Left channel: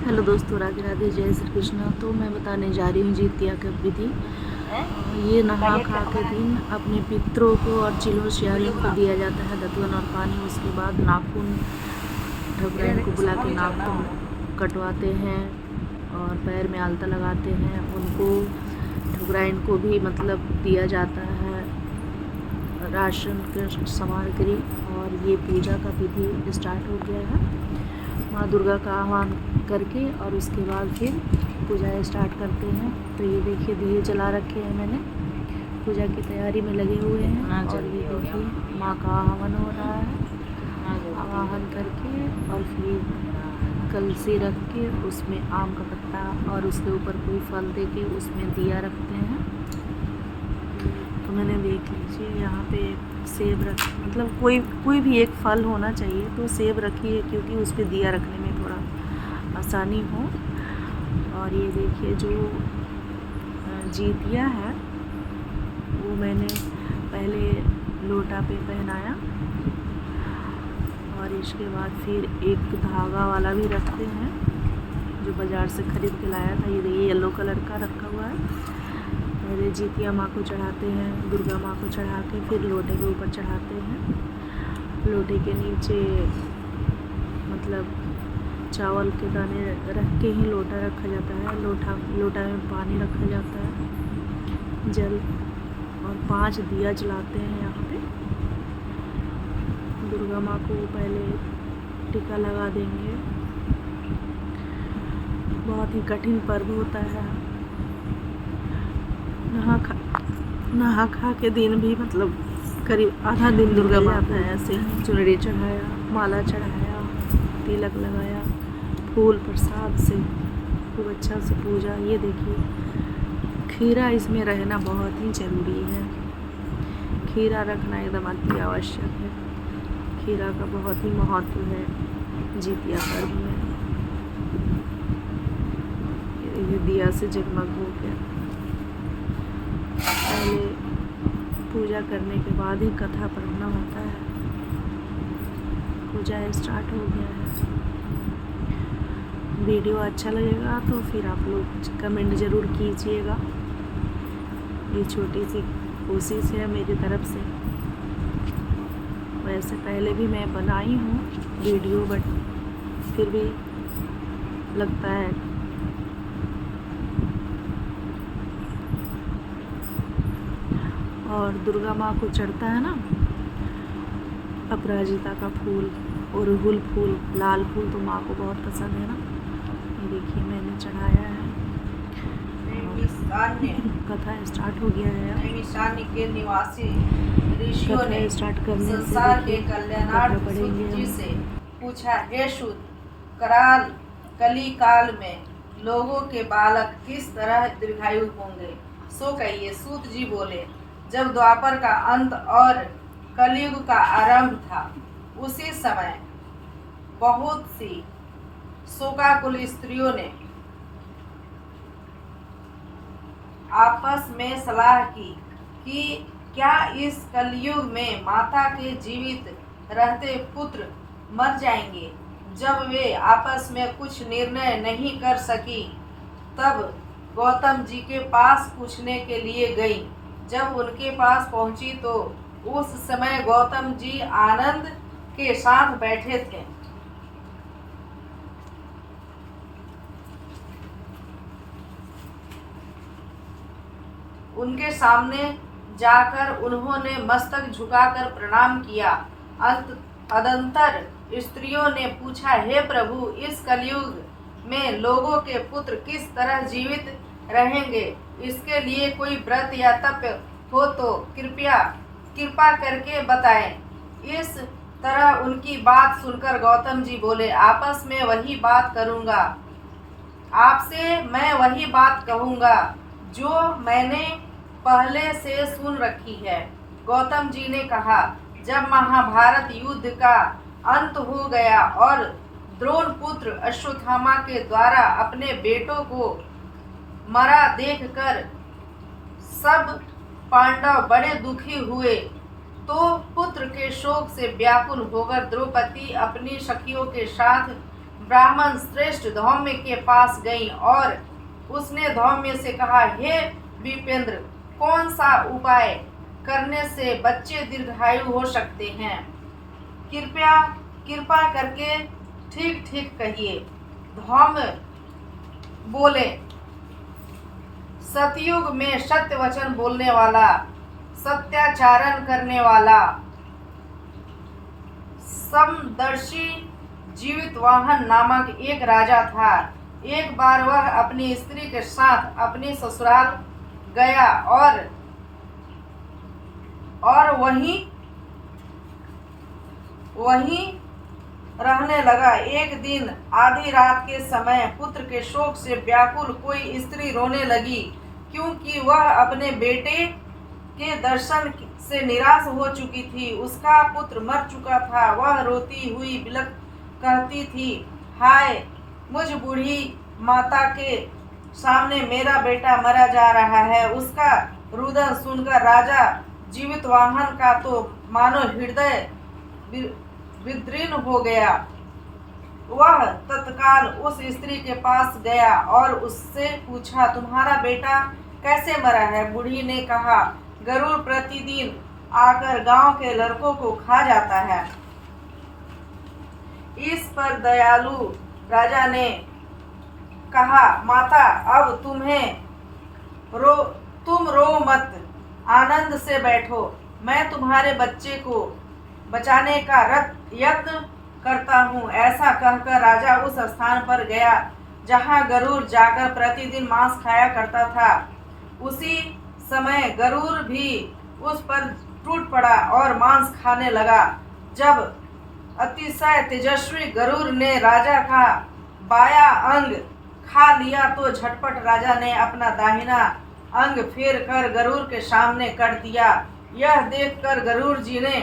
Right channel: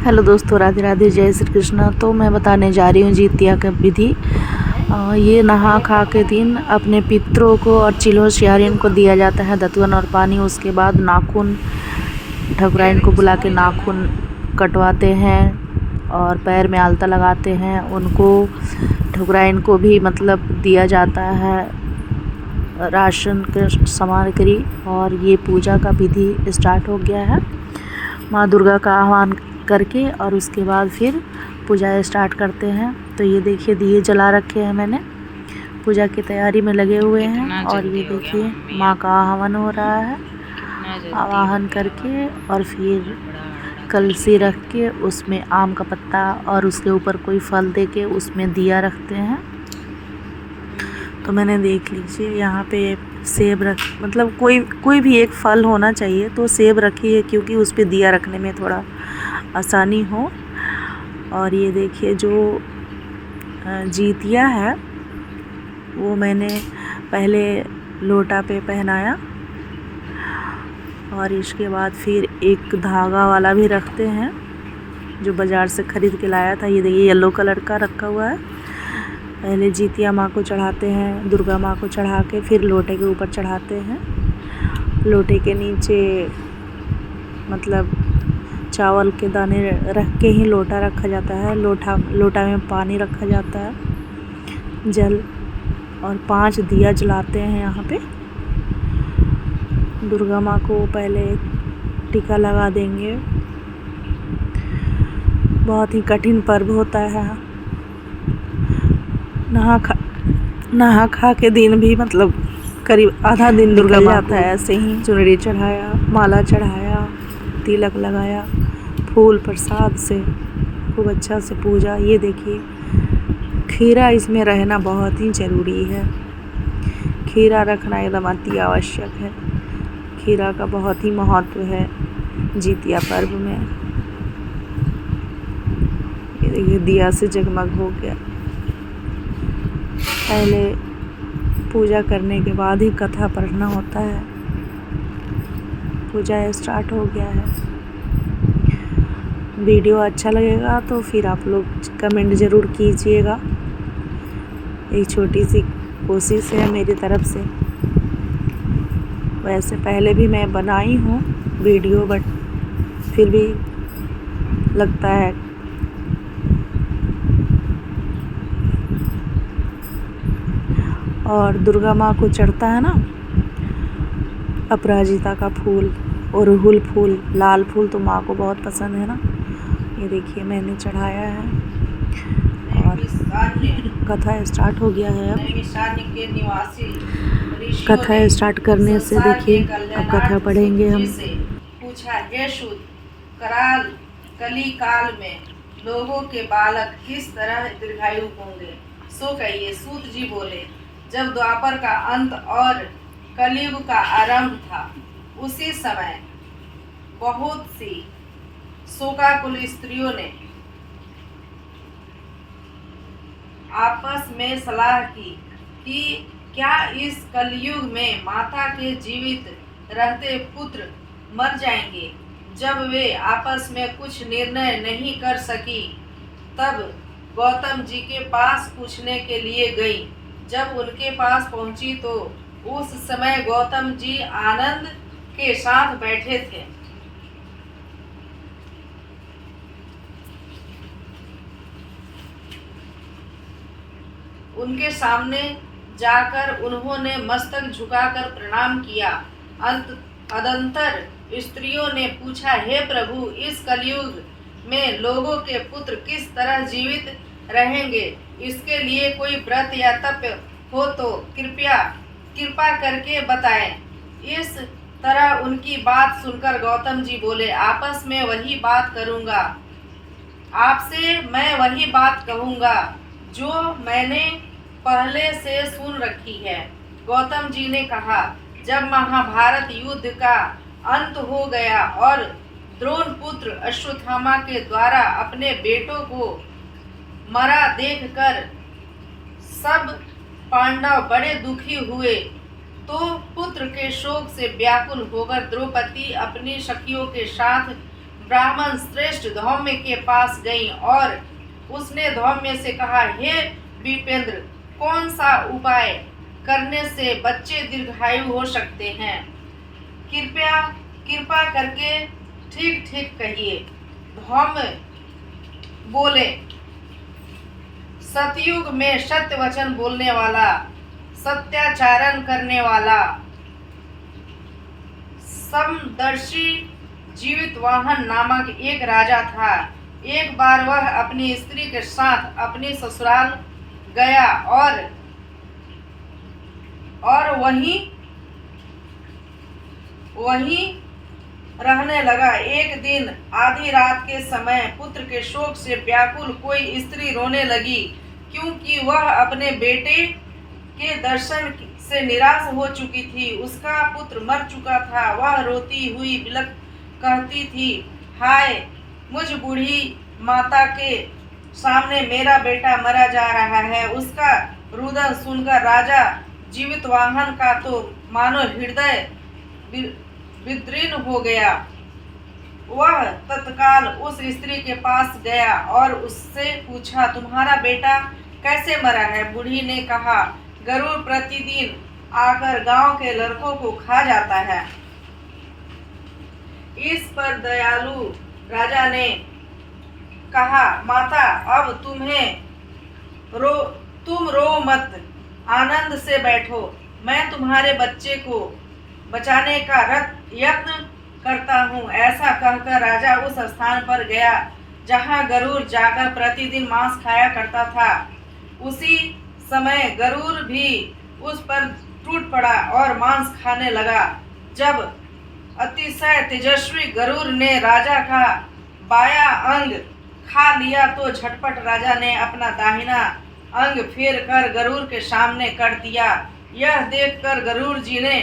Hello दोस्तों, राधे राधे, जय श्री कृष्ण। तो मैं बताने जा रही हूँ जितिया का विधि। ये नहा खा के दिन अपने पितरों को और चिल्हो सियारिन को दिया जाता है दतवन और पानी। उसके बाद नाखून ठकुराइन को बुला के नाखून कटवाते हैं और पैर में आलता लगाते हैं। उनको ठकुराइन को भी मतलब दिया जाता है राशन के सामग्री। और ये पूजा का विधि स्टार्ट हो गया है माँ दुर्गा का आह्वान करके, और उसके बाद फिर पूजा स्टार्ट करते हैं। तो ये देखिए दिए जला रखे हैं मैंने, पूजा की तैयारी में लगे हुए हैं। और ये देखिए माँ का आह्वान हो रहा है, आवाहन करके और फिर कलसी रख के उसमें आम का पत्ता और उसके ऊपर कोई फल दे के उसमें दिया रखते हैं। तो मैंने देख लीजिए यहाँ पे सेब रख, मतलब कोई भी एक फल होना चाहिए, तो सेब रखी है क्योंकि उस पर दिया रखने में थोड़ा आसानी हो। और ये देखिए जो जीतिया है वो मैंने पहले लोटा पे पहनाया और इसके बाद फिर एक धागा वाला भी रखते हैं जो बाज़ार से ख़रीद के लाया था। ये देखिए येलो कलर का रखा हुआ है। पहले जीतिया माँ को चढ़ाते हैं, दुर्गा माँ को चढ़ा के फिर लोटे के ऊपर चढ़ाते हैं। लोटे के नीचे मतलब चावल के दाने रख के ही लोटा रखा जाता है। लोटा में पानी रखा जाता है, जल, और 5 दिया जलाते हैं यहाँ पे। दुर्गा माँ को पहले टीका लगा देंगे। बहुत ही कठिन पर्व होता है। नहा खा के दिन भी मतलब करीब आधा दिन निकल जाता है ऐसे ही। चुनरी चढ़ाया, माला चढ़ाया, तिलक लगाया, फूल प्रसाद से खूब अच्छा से पूजा। ये देखिए खीरा इसमें रहना बहुत ही ज़रूरी है। खीरा रखना एकदम अति आवश्यक है। खीरा का बहुत ही महत्व है जितिया पर्व में। ये देखिए दिया से जगमग हो गया। पहले पूजा करने के बाद ही कथा पढ़ना होता है। पूजा स्टार्ट हो गया है। वीडियो अच्छा लगेगा तो फिर आप लोग कमेंट ज़रूर कीजिएगा। एक छोटी सी कोशिश है मेरी तरफ से। वैसे पहले भी मैं बनाई हूँ वीडियो, बट फिर भी लगता है। और दुर्गा माँ को चढ़ता है ना अपराजिता का फूल और अड़हुल फूल, लाल फूल तो माँ को बहुत पसंद है ना। ये देखिए मैंने चढ़ाया है और कथा स्टार्ट हो गया है। अब कथा स्टार्ट करने से देखिए अब कथा पढ़ेंगे हम। पूछा, हे सूत, कली काल में लोगों के बालक किस तरह दीर्घायु होंगे, सो कहिए। सूत जी बोले, जब द्वापर का अंत और कलयुग का आरंभ था, उसी समय बहुत सी शोकाकुल स्त्रियों ने आपस में सलाह की कि क्या इस कलयुग में माता के जीवित रहते पुत्र मर जाएंगे। जब वे आपस में कुछ निर्णय नहीं कर सकी, तब गौतम जी के पास पूछने के लिए गई। जब उनके पास पहुंची तो उस समय गौतम जी आनंद के साथ बैठे थे। उनके सामने जाकर उन्होंने मस्तक झुकाकर प्रणाम किया। अदंतर स्त्रियों ने पूछा, हे प्रभु, इस कलयुग में लोगों के पुत्र किस तरह जीवित रहेंगे, इसके लिए कोई व्रत या तप हो तो कृपा करके बताएं। इस तरह उनकी बात सुनकर गौतम जी बोले, आपस में वही बात करूंगा, आपसे मैं वही बात कहूंगा जो मैंने पहले से सुन रखी है। गौतम जी ने कहा, जब महाभारत युद्ध का अंत हो गया और द्रोण पुत्र अश्वत्थामा के द्वारा अपने बेटों को मरा देखकर सब पांडव बड़े दुखी हुए, तो पुत्र के शोक से व्याकुल होकर द्रौपदी अपनी सखियों के साथ ब्राह्मण श्रेष्ठ धौम्य के पास गई और उसने धौम्य से कहा, हे विपेंद्र, कौन सा उपाय करने से बच्चे दीर्घायु हो सकते हैं? कृपा करके ठीक ठीक कहिए। धौम्य बोले, सतयुग में सत्य वचन बोलने वाला, सत्याचारण करने वाला, समदर्शी जीवितवाहन नामक एक राजा था। एक बार वह अपनी स्त्री के साथ अपनी ससुराल गया और वहीं रहने लगा। एक दिन आधी रात के समय पुत्र के शोक से व्याकुल कोई स्त्री रोने लगी, क्योंकि वह अपने बेटे के दर्शन से निराश हो चुकी थी। उसका पुत्र मर चुका था। वह रोती हुई बिलख कहती थी, हाय, मुझ बूढ़ी माता के सामने मेरा बेटा मरा जा रहा है। उसका रुदन सुनकर राजा जीवितवाहन का तो मानो हृदय विदीर्ण हो गया। वह तत्काल उस स्त्री के पास गया और उससे पूछा, तुम्हारा बेटा कैसे मरा है? बूढ़ी ने कहा, गरुड़ प्रतिदिन आकर गांव के लड़कों को खा जाता है। इस पर दयालु राजा ने कहा, माता, अब तुम रो मत, आनंद से बैठो। मैं तुम्हारे बच्चे को बचाने का यत्न करता हूँ। ऐसा कहकर राजा उस स्थान पर गया जहाँ गरुड़ जाकर प्रतिदिन मांस खाया करता था। उसी समय गरुड़ भी उस पर टूट पड़ा और मांस खाने लगा। जब अतिशय तेजस्वी गरुड़ ने राजा का बाया अंग खा लिया तो झटपट राजा ने अपना दाहिना अंग फेर कर गरुड़ के सामने कर दिया। यह देखकर गरुड़ जी ने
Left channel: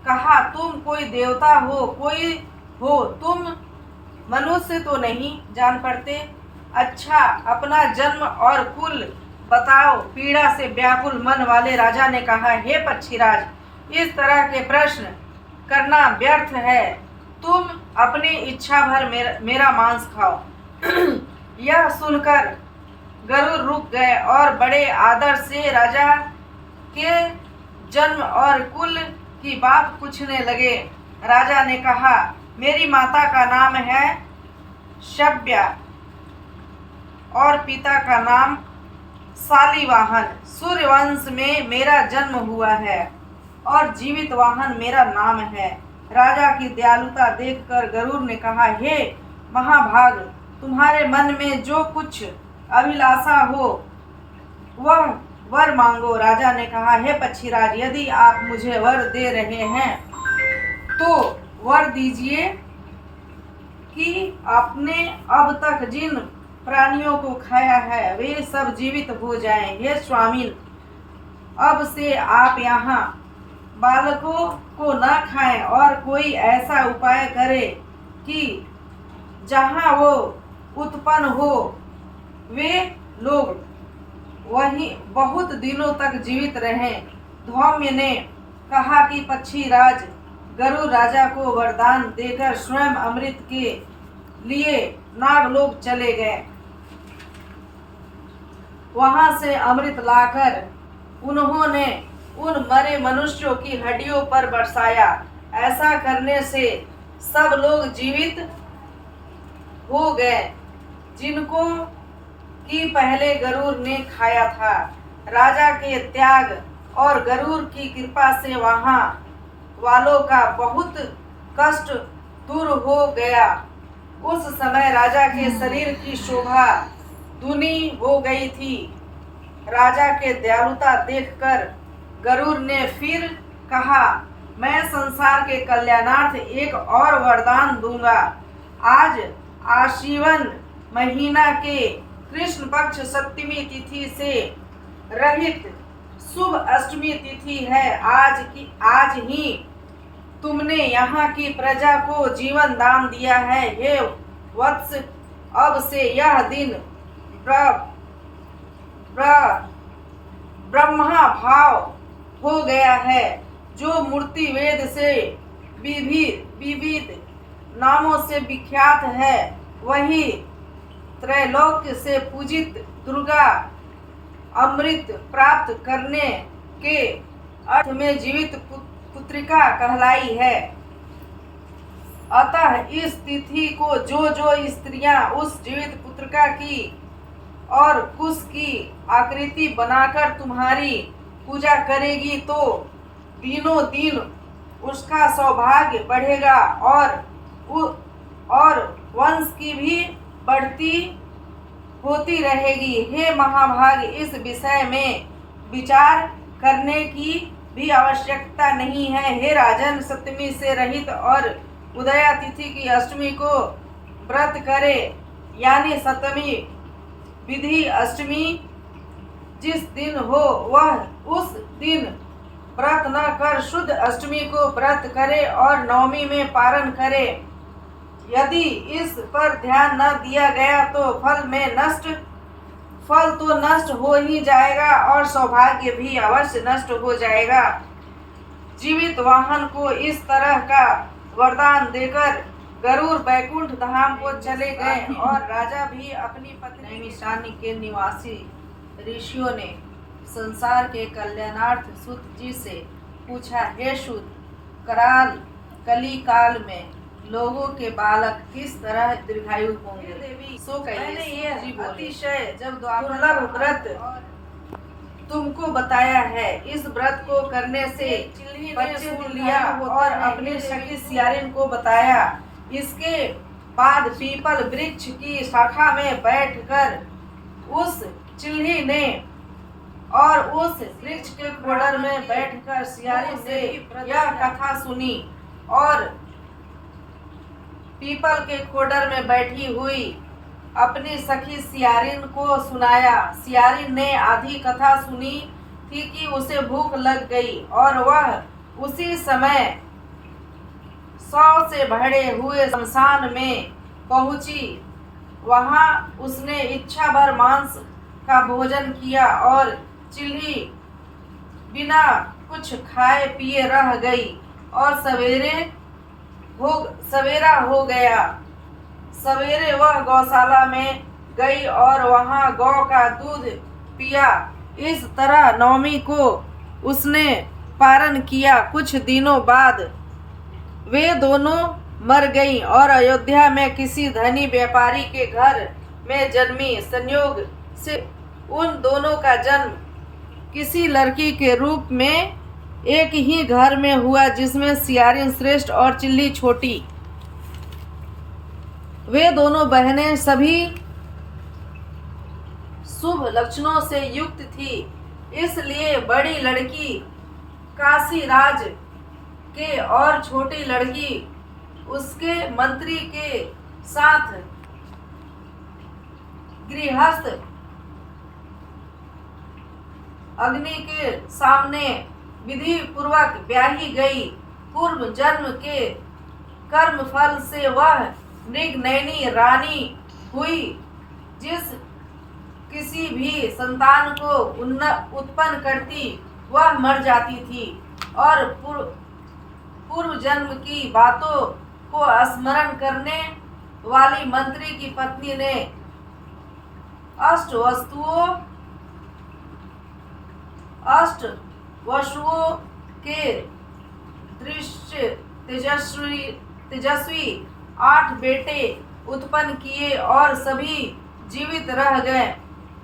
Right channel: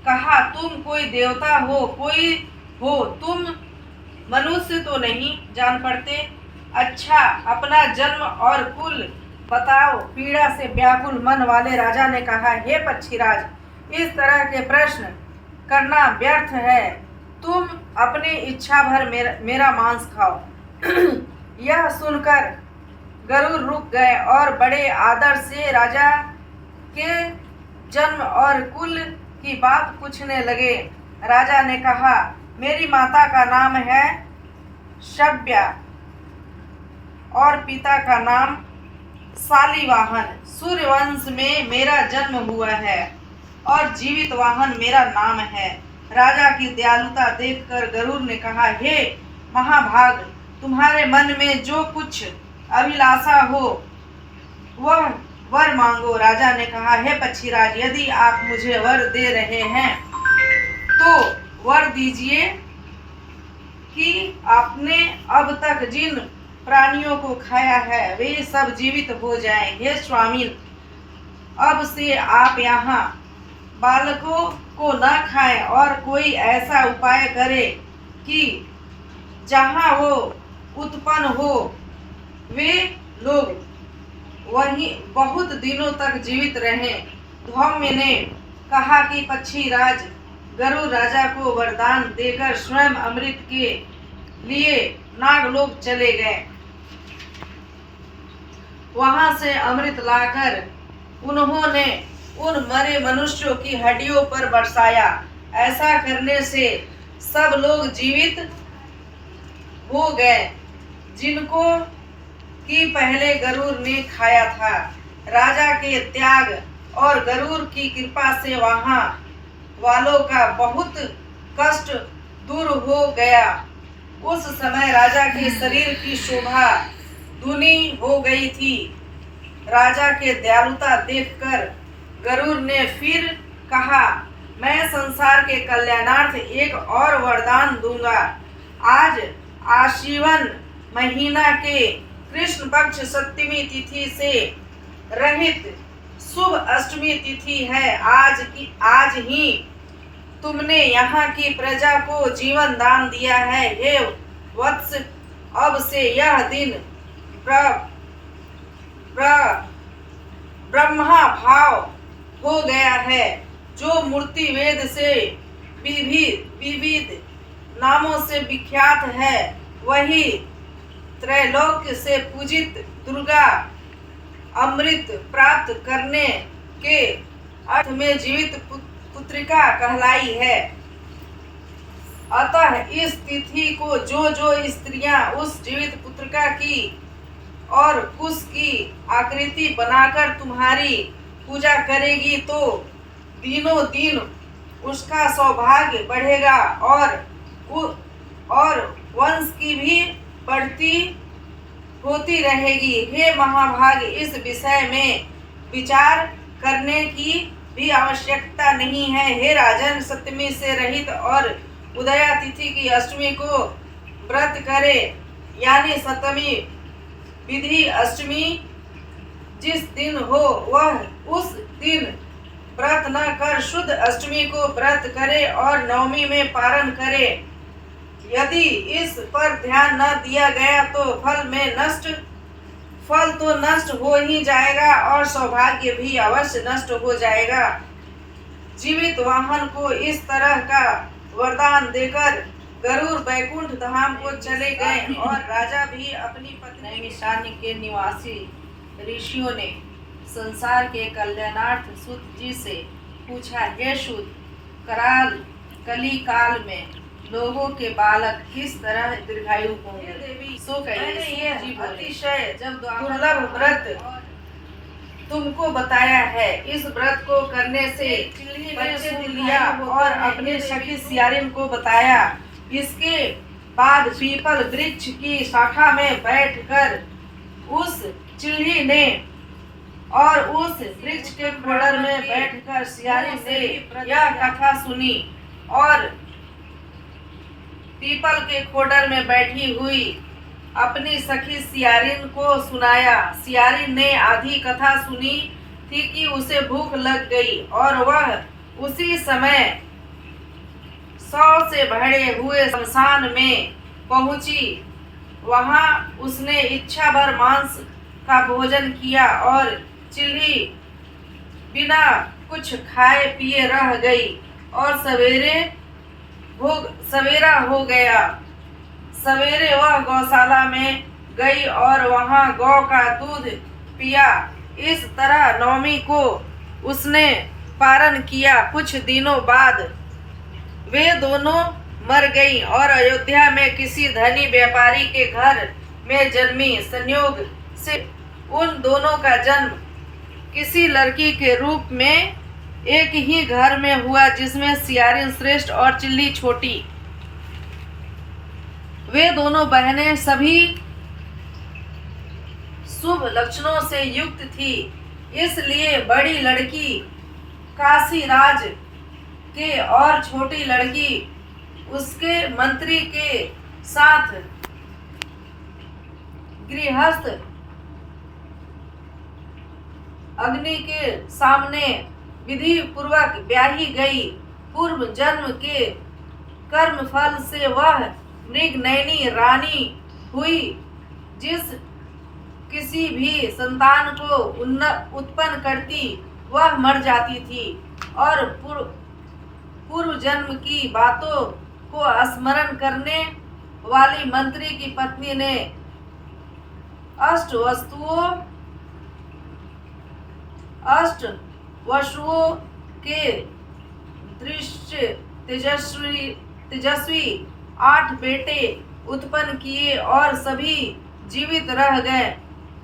कहा, तुम कोई देवता हो, तुम मनुष्य तो नहीं जान पड़ते। अच्छा, अपना जन्म और कुल बताओ। पीड़ा से व्याकुल मन वाले राजा ने कहा, हे पक्षीराज, इस तरह के प्रश्न करना व्यर्थ है। तुम अपनी इच्छा भर मेरा मांस खाओ। यह सुनकर गरुड़ रुक गए और बड़े आदर से राजा के जन्म और कुल की बात पूछने लगे। राजा ने कहा, मेरी माता का नाम है शब्या और पिता का नाम शालिवाहन। सूर्यवंश में मेरा जन्म हुआ है और जीवितवाहन मेरा नाम है। राजा की दयालुता देखकर गरुड़ ने कहा, हे महाभाग, तुम्हारे मन में जो कुछ अभिलाषा हो वह वर मांगो। राजा ने कहा, हे पक्षीराज, यदि आप मुझे वर दे रहे हैं तो वर दीजिए कि आपने अब तक जिन प्राणियों को खाया है वे सब जीवित हो जाएं। हे स्वामी, अब से आप यहाँ बालकों को न खाएं और कोई ऐसा उपाय करें कि जहाँ वो उत्पन्न हो वे लोग वहीं बहुत दिनों तक जीवित रहें। धौम्य ने कहा कि पक्षीराज गरुड़ राजा को वरदान देकर स्वयं अमृत के लिए नागलोक चले गए। वहां से अमृत लाकर उन्होंने उन मरे मनुष्यों की हड्डियों पर बरसाया। ऐसा करने से सब लोग जीवित हो गए जिनको कि पहले गरुड़ ने खाया था। राजा के त्याग और गरुड़ की कृपा से वहां वालों का बहुत कष्ट दूर हो गया। उस समय राजा के शरीर की शोभा दूनी हो गई थी। राजा के दयालुता देखकर गरुड़ ने फिर कहा, मैं संसार के कल्याणार्थ एक और वरदान दूंगा। आज आश्विन महीना के कृष्ण पक्ष सप्तमी तिथि से रहित शुभ अष्टमी तिथि है। आज ही तुमने यहाँ की प्रजा को जीवन दान दिया है। हे वत्स, अब से यह दिन ब्रह्मा भाव हो गया है। जो मूर्ति वेद से विविध नामों से विख्यात है, वही त्रैलोक्य से पूजित दुर्गा अमृत प्राप्त करने के अर्थ में जीवित पुत्रिका कहलाई है। अतः इस तिथि को जो जो स्त्रियां उस जीवित पुत्रिका की और कुश की आकृति बनाकर तुम्हारी पूजा करेगी तो दिनों दिन उसका सौभाग्य बढ़ेगा और वंश की भी बढ़ती होती रहेगी। हे महाभाग, इस विषय में विचार करने की भी आवश्यकता नहीं है। हे राजन, सप्तमी से रहित और उदया तिथि की अष्टमी को व्रत करे, यानी सप्तमी विधि अष्टमी जिस दिन हो वह उस दिन व्रत न कर शुद्ध अष्टमी को व्रत करे और नवमी में पारण करे। यदि इस पर ध्यान न दिया गया तो फल तो नष्ट हो ही जाएगा और सौभाग्य भी अवश्य नष्ट हो जाएगा। जीवित वाहन को इस तरह का वरदान देकर गरुड़ वैकुंठ धाम को चले गए और राजा भी अपनी पत्नी नैमिषारण्य के निवासी ऋषियों ने संसार के कल्याणार्थ सूत जी से पूछा, हे सूत, कली काल में लोगों के बालक किस तरह दीर्घायु होंगे? सो कहिए, ये अतिशय जब दुर्लभ व्रत तुमको बताया है। इस व्रत को करने से बच्चे लिया और अपने सखी सियारिन को बताया। इसके बाद पीपल वृक्ष की शाखा में बैठकर उस चिल्ही ने और उस वृक्ष के खोडर में बैठकर सियारिन ने यह कथा सुनी और पीपल के खोडर में बैठी हुई अपनी सखी सियारिन को सुनाया। सियारिन ने आधी कथा सुनी थी कि उसे भूख लग गई और वह उसी समय 100 से भरे हुए शमशान में पहुंची। वहां उसने इच्छा भर मांस का भोजन किया और चिल्ही बिना कुछ खाए पिए रह गई और सवेरा हो गया। सवेरे वह गौशाला में गई और वहां गौ का दूध पिया। इस तरह नवमी को उसने पारण किया। कुछ दिनों बाद वे दोनों मर गईं और अयोध्या में किसी धनी व्यापारी के घर में जन्मी। संयोग से उन दोनों का जन्म किसी लड़की के रूप में एक ही घर में हुआ, जिसमें सियारिन श्रेष्ठ और चिल्ली छोटी। वे दोनों बहनें सभी शुभ लक्षणों से युक्त थी, इसलिए बड़ी लड़की काशी राज के और छोटी लड़की उसके मंत्री के साथ गृहस्थ अग्नि के सामने विधि पूर्वक ब्याही गई। पूर्व जन्म के कर्म फल से वह मृगनयनी रानी हुई। जिस किसी भी संतान को उत्पन्न करती वह मर जाती थी और पूर्व जन्म की बातों को स्मरण करने वाली मंत्री की पत्नी ने अष्ट वसुओं के दृश्य तेजस्वी 8 बेटे उत्पन्न किए और सभी जीवित रह गए।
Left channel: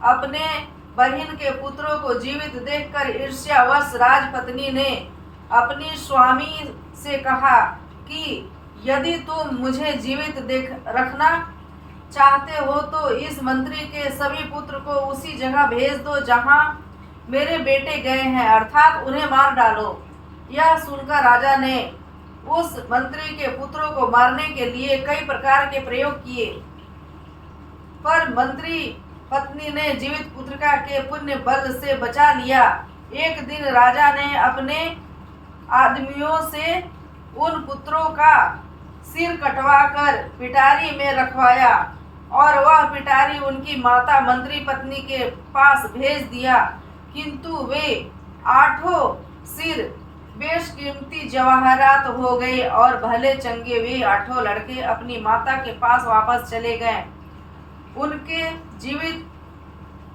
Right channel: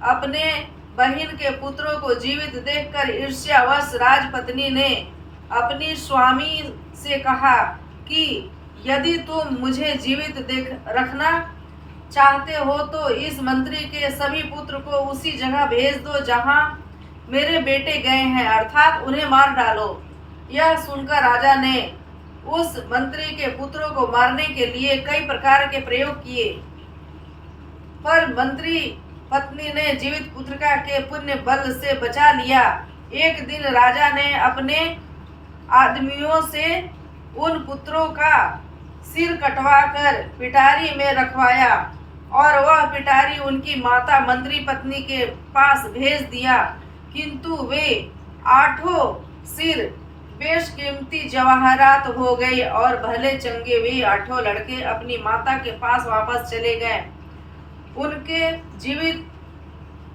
अपने बहन के पुत्रों को जीवित देखकर ईर्ष्यावश राजपत्नी ने अपनी स्वामी से कहा कि यदि तुम मुझे जीवित रखना चाहते हो तो इस मंत्री के सभी पुत्र को उसी जगह भेज दो जहां मेरे बेटे गए हैं, अर्थात उन्हें मार डालो। यह सुनकर राजा ने उस मंत्री के पुत्रों को मारने के लिए कई प्रकार के प्रयोग किए, पर मंत्री पत्नी ने जीवित पुत्रिका के पुण्य बल से बचा लिया। एक दिन राजा ने अपने आदमियों से उन पुत्रों का सिर कटवाकर पिटारी में रखवाया और वह पिटारी उनकी माता मंत्री पत्नी के पास भेज दिया, किंतु वे 8 सिर बेशकीमती जवाहरात हो गई और भले चंगे वे 8 लड़के अपनी माता के पास वापस चले गए।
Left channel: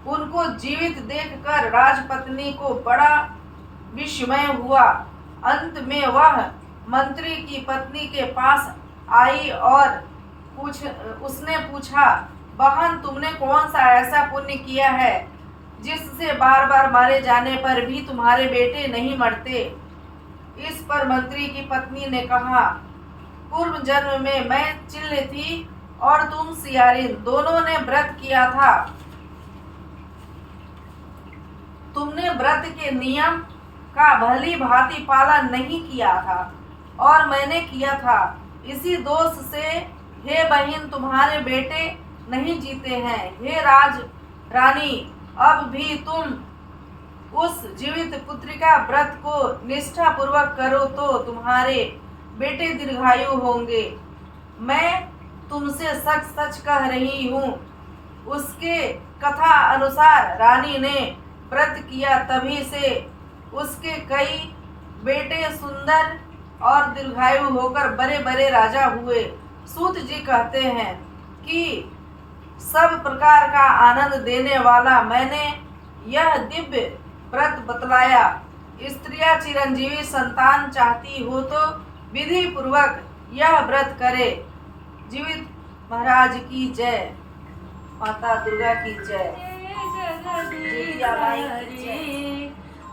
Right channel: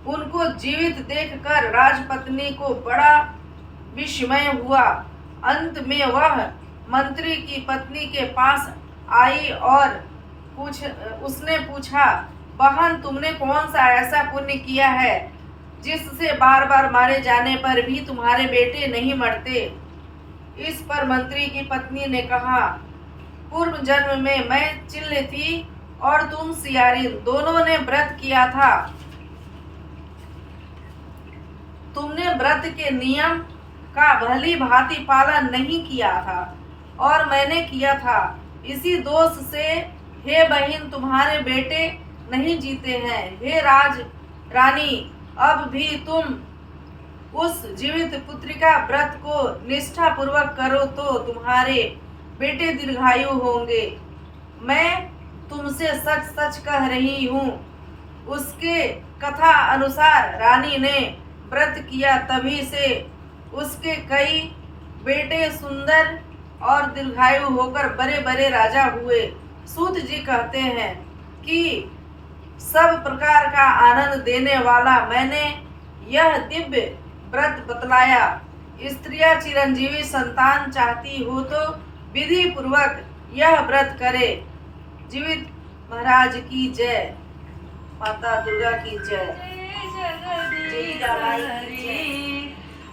उनको जीवित देखकर राजपत्नी को बड़ा विस्मय हुआ। अंत में वह मंत्री की पत्नी के पास आई और उसने पूछा, बहन, तुमने कौन सा ऐसा पुण्य किया है जिससे बार बार मारे जाने पर भी तुम्हारे बेटे नहीं मरते? इस पर मंत्री की पत्नी ने कहा, पूर्व जन्म में मैं चिल्ल थी और तुम सियारिन, दोनों ने व्रत किया था। तुमने व्रत के नियम का भली भांति पालन नहीं किया था और मैंने किया था। इसी दोष से हे बहन, तुम्हारे बेटे नहीं जीते हैं। हे रानी, अब भी तुम उस जीवित पुत्रिका व्रत को निष्ठा पूर्वक करो तो तुम्हारे बेटे दीर्घायु होंगे। मैं तुमसे सच सच कह रही हूँ। उसके कथा अनुसार रानी ने व्रत किया, तभी से उसके कई बेटे सुंदर और दीर्घायु होकर बड़े बड़े राजा हुए। सूत जी कहते हैं कि सब प्रकार का आनंद देने वाला मैंने यह दिव्य व्रत बतलाया। स्त्रियां चिरंजीवी संतान चाहती हो तो विधि पूर्वक यह व्रत करे। जीवित महाराज की जय, माता दुर्गा की जय, जितिया माई की जय।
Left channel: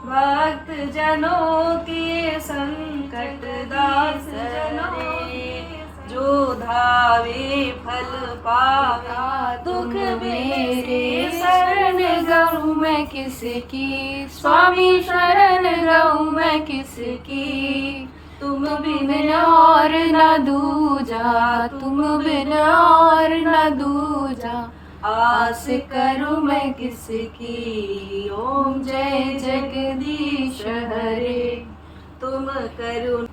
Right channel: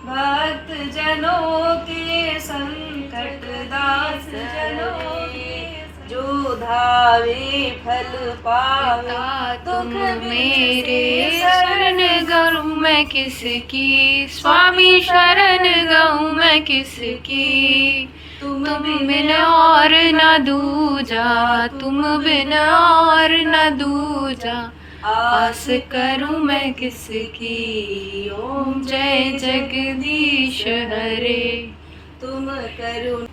भक्त जनों के संकट दास जनों के जो धावे फल पावे। दुख मेरे शरण गऊँ मैं किसकी, स्वामी शरण गऊँ मैं किसकी। तुम बिन और न दूजा, तुम बिन और न दूजा, आस करूं मैं किसकी। ओम जय जगदीश हरे। तुम करुण